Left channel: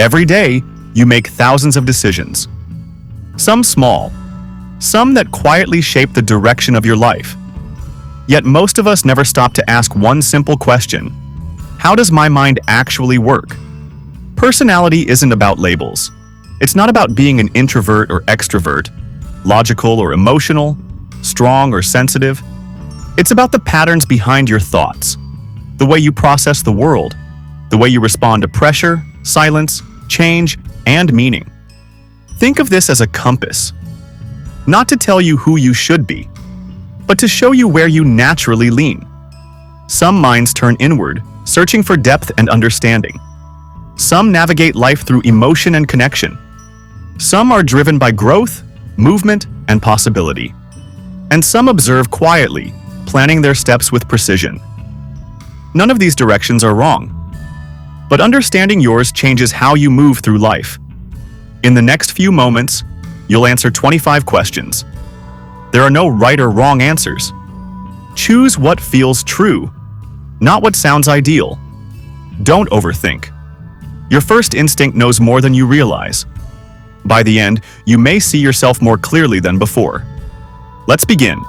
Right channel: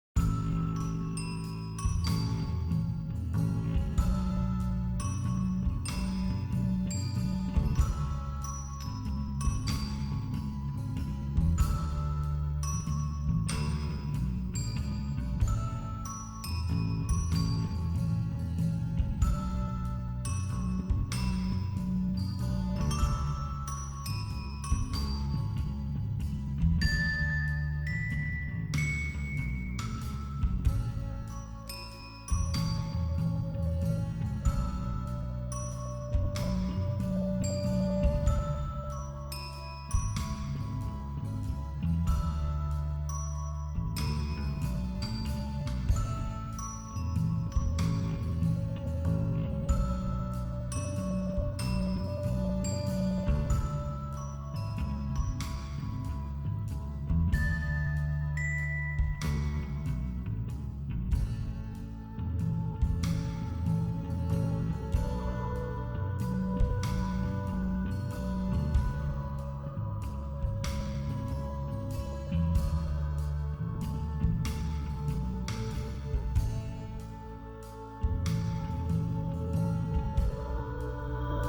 Every day, you make thousands of decisions. Some small, some that quietly shape the direction of your life. Yet most of us never stop to ask one simple question: how does my mind actually work? Personality isn't about labels. It's not about being an introvert or extrovert, logical or emotional, strong or sensitive. It's about the patterns behind your thoughts, the way you process the world, the way you respond to pressure, silence, change, and meaning. Think of this as a compass, not to tell you who you should be, but to show you where you naturally lean. Some minds turn inward, searching for depth and understanding. Some navigate life through emotion and connection. Some are driven by growth, movement, and possibility. And some observe quietly, planning their steps with precision. None of these directions are wrong, but understanding yours changes how you move through life. In the next few moments, you'll answer 25 questions. There are no right or wrong answers. Choose what feels true, not what sounds ideal. Don't overthink. Your first instinct knows more than you realize. By the end, you may see yourself more clearly than before. Let's begin.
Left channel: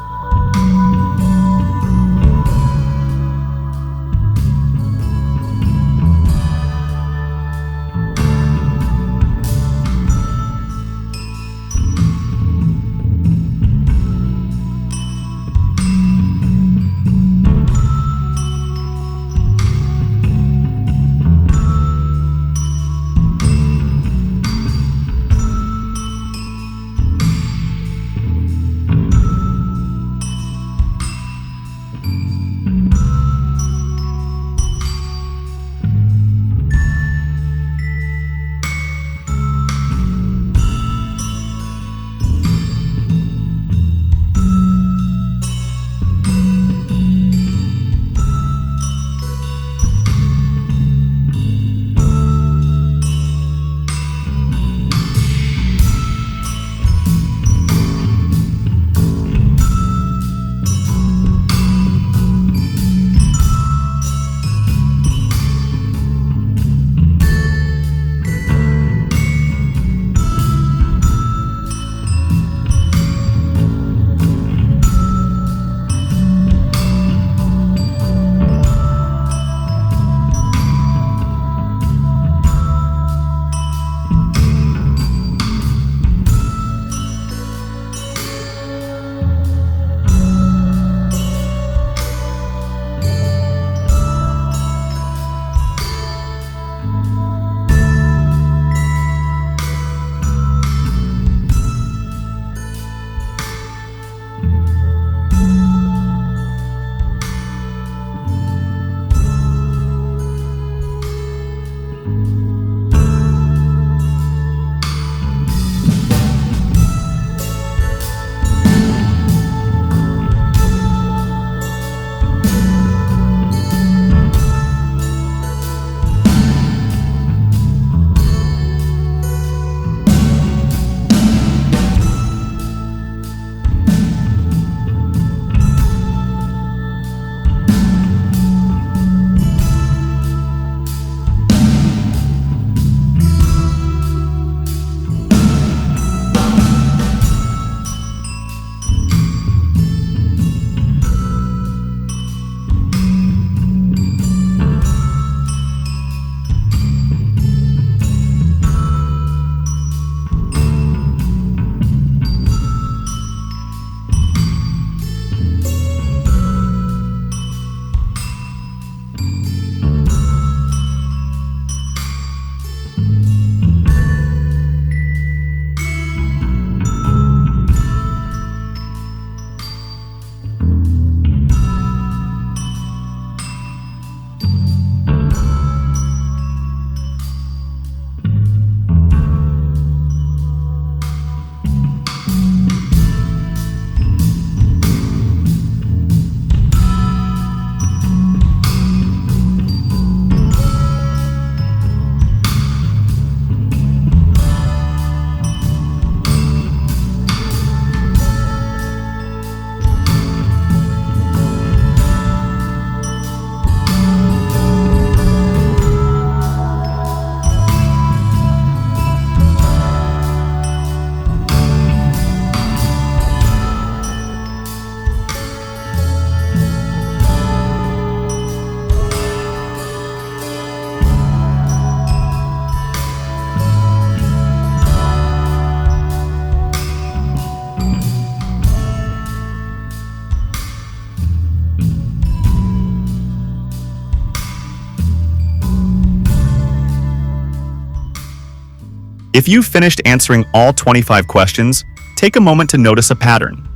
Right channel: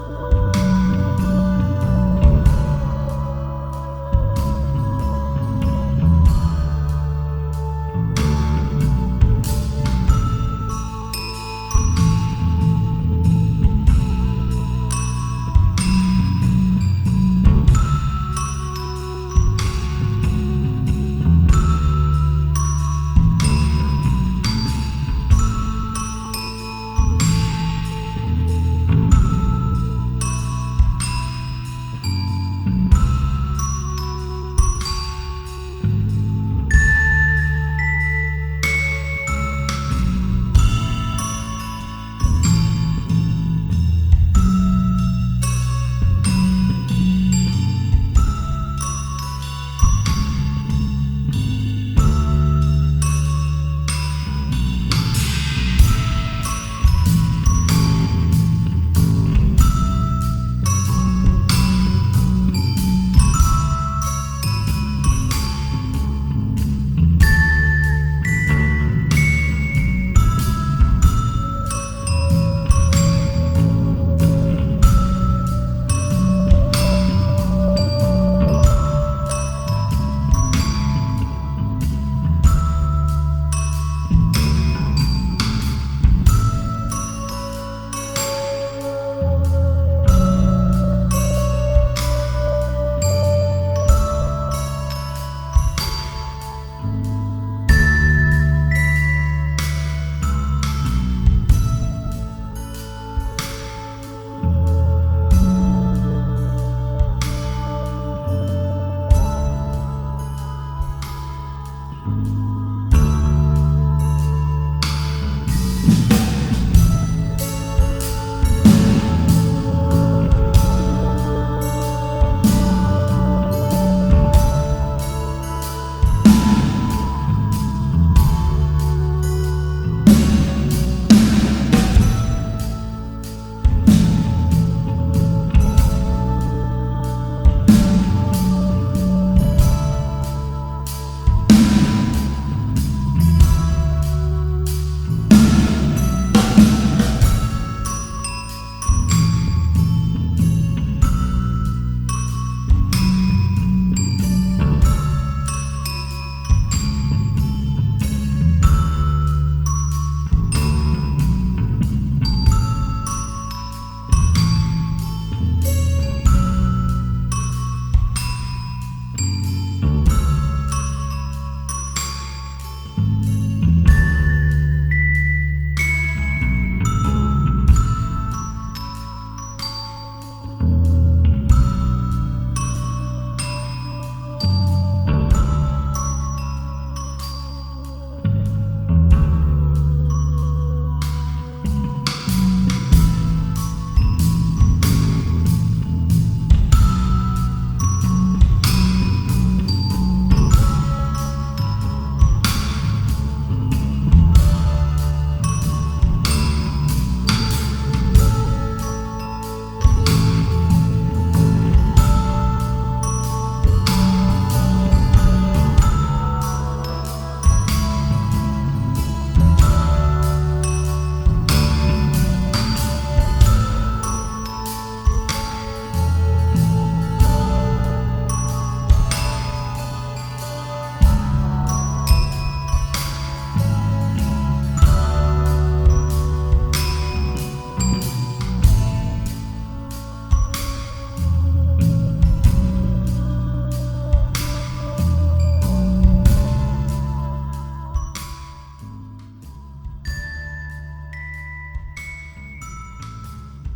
If you've finished answering all 25 questions, take a moment to notice a pattern.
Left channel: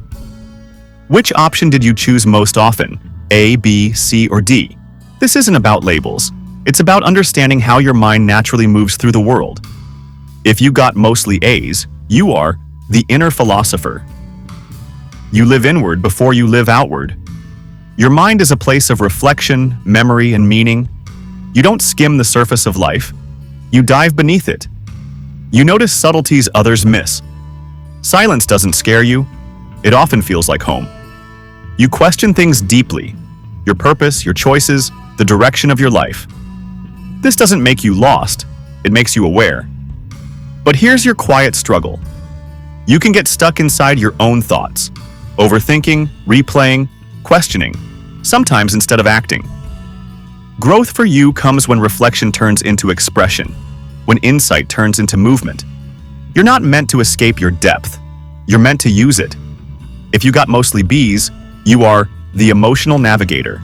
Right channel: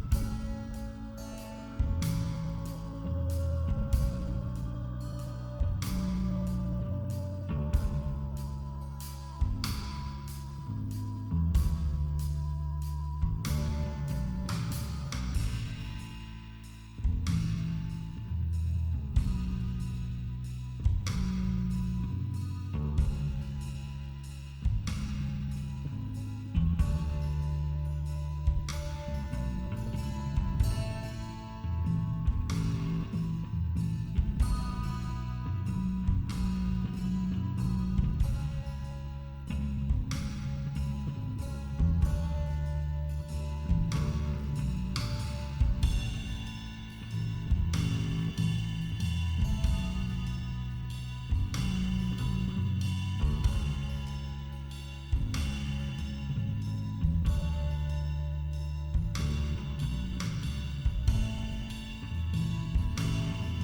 Which option did you choose most often? A, B, C, or D? This isn't about labels. It's about understanding how your mind naturally moves through the world. If you got mostly A's, you are the inner philosopher. You live inward before you live outward. Your mind is a place of reflection, memory, and meaning. You don't skim the surface of life. You dive beneath it. You notice subtleties others miss. Silence doesn't scare you. It often feels like home. You question things deeply. Your purpose, your choices, the direction of your life. This doesn't make you lost. It makes you aware. But here's your quiet struggle. You can get stuck inside your own thoughts, overthinking, replaying, questioning, sometimes instead of acting. Growth for you comes when reflection turns into expression, when insight turns into movement. You're not meant to escape your depth. You're meant to use it. If you got mostly B's, you are the emotional navigator.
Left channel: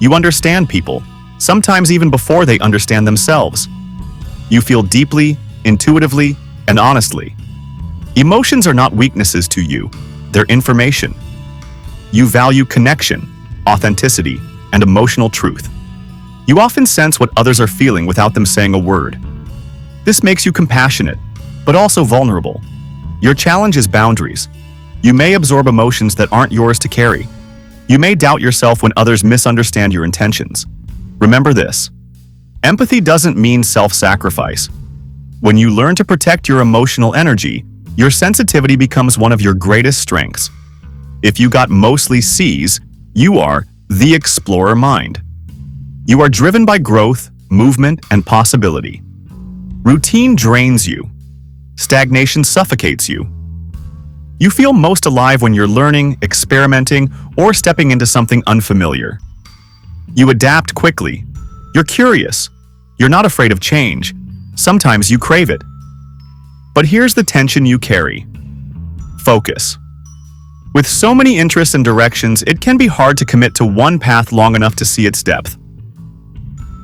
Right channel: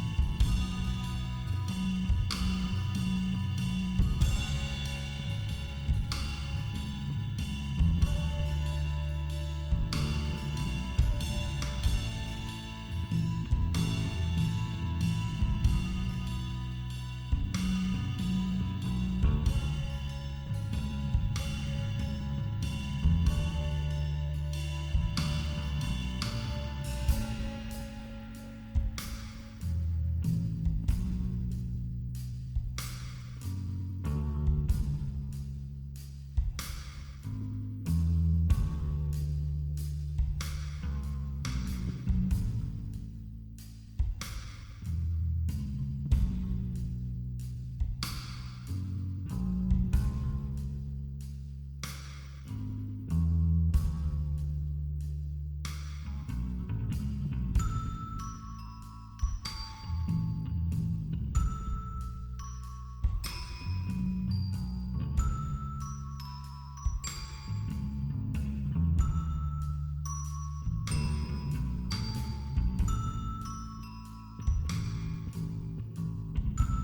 You understand people, sometimes even before they understand themselves. You feel deeply, intuitively, and honestly. Emotions are not weaknesses to you. They're information. You value connection, authenticity, and emotional truth. You often sense what others are feeling without them saying a word. This makes you compassionate, but also vulnerable. Your challenge is boundaries. You may absorb emotions that aren't yours to carry. You may doubt yourself when others misunderstand your intentions. Remember this: empathy doesn't mean self-sacrifice. When you learn to protect your emotional energy, your sensitivity becomes one of your greatest strengths. If you got mostly C's, you are the explorer mind. You are driven by growth, movement, and possibility. Routine drains you. Stagnation suffocates you. You feel most alive when you're learning, experimenting, or stepping into something unfamiliar. You adapt quickly. You're curious. You're not afraid of change. Sometimes you crave it. But here's the tension you carry: focus. With so many interests and directions, it can be hard to commit to one path long enough to see its depth.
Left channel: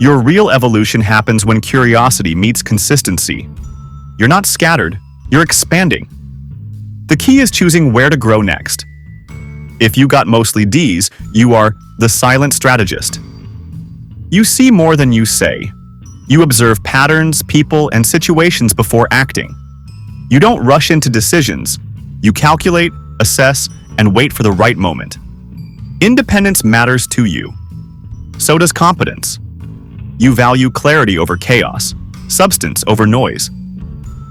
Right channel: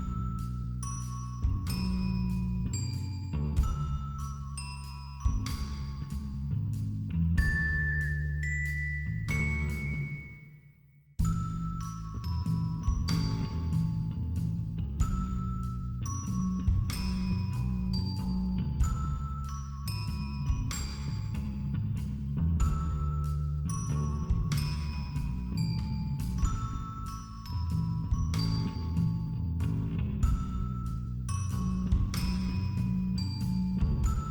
Your real evolution happens when curiosity meets consistency. You're not scattered, you're expanding. The key is choosing where to grow next. If you got mostly D's, you are the silent strategist. You see more than you say. You observe patterns, people, and situations before acting. You don't rush into decisions. You calculate, assess, and wait for the right moment. Independence matters to you. So does competence. You value clarity over chaos, substance over noise.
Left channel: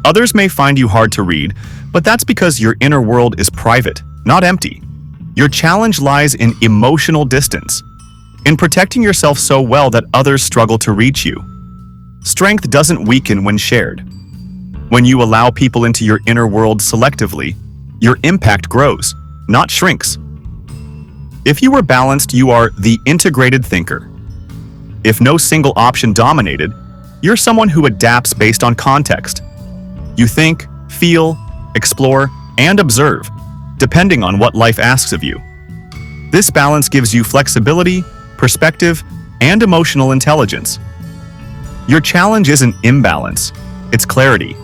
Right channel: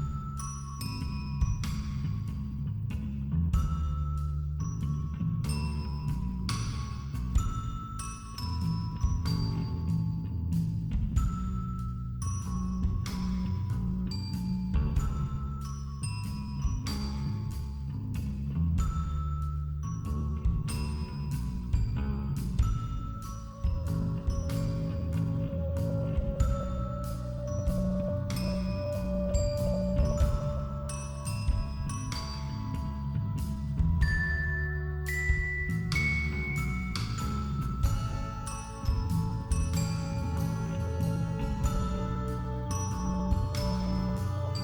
Others may find you hard to read, but that's because your inner world is private, not empty. Your challenge lies in emotional distance, in protecting yourself so well that others struggle to reach you. Strength doesn't weaken when shared. When you allow people into your inner world selectively, your impact grows, not shrinks. If you were balanced, you are the integrated thinker. If no single option dominated, you're someone who adapts based on context. You think, feel, explore, and observe, depending on what life asks of you. This balance gives you flexibility, perspective, and emotional intelligence. Your challenge isn't imbalance, it's clarity.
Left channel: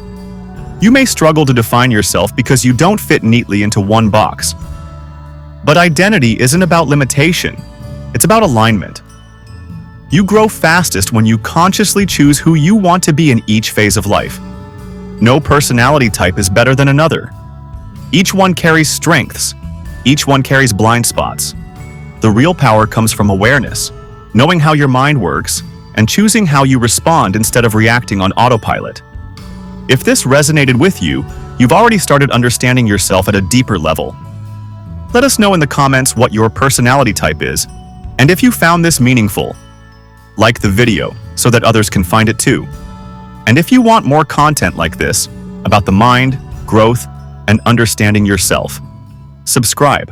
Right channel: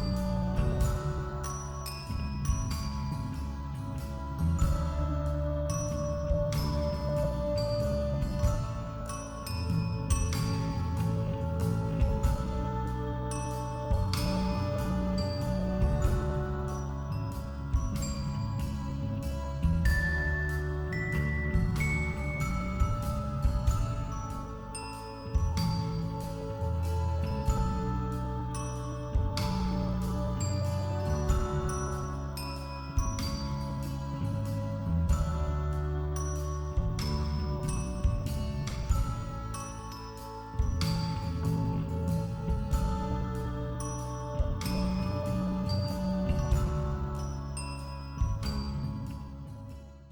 You may struggle to define yourself because you don't fit neatly into one box. But identity isn't about limitation, it's about alignment. You grow fastest when you consciously choose who you want to be in each phase of life. No personality type is better than another. Each one carries strengths. Each one carries blind spots. The real power comes from awareness, knowing how your mind works, and choosing how you respond instead of reacting on autopilot. If this resonated with you, you've already started understanding yourself at a deeper level. Let us know in the comments what your personality type is, and if you found this meaningful. Like the video so that others can find it too. And if you want more content like this about the mind, growth, and understanding yourself, subscribe.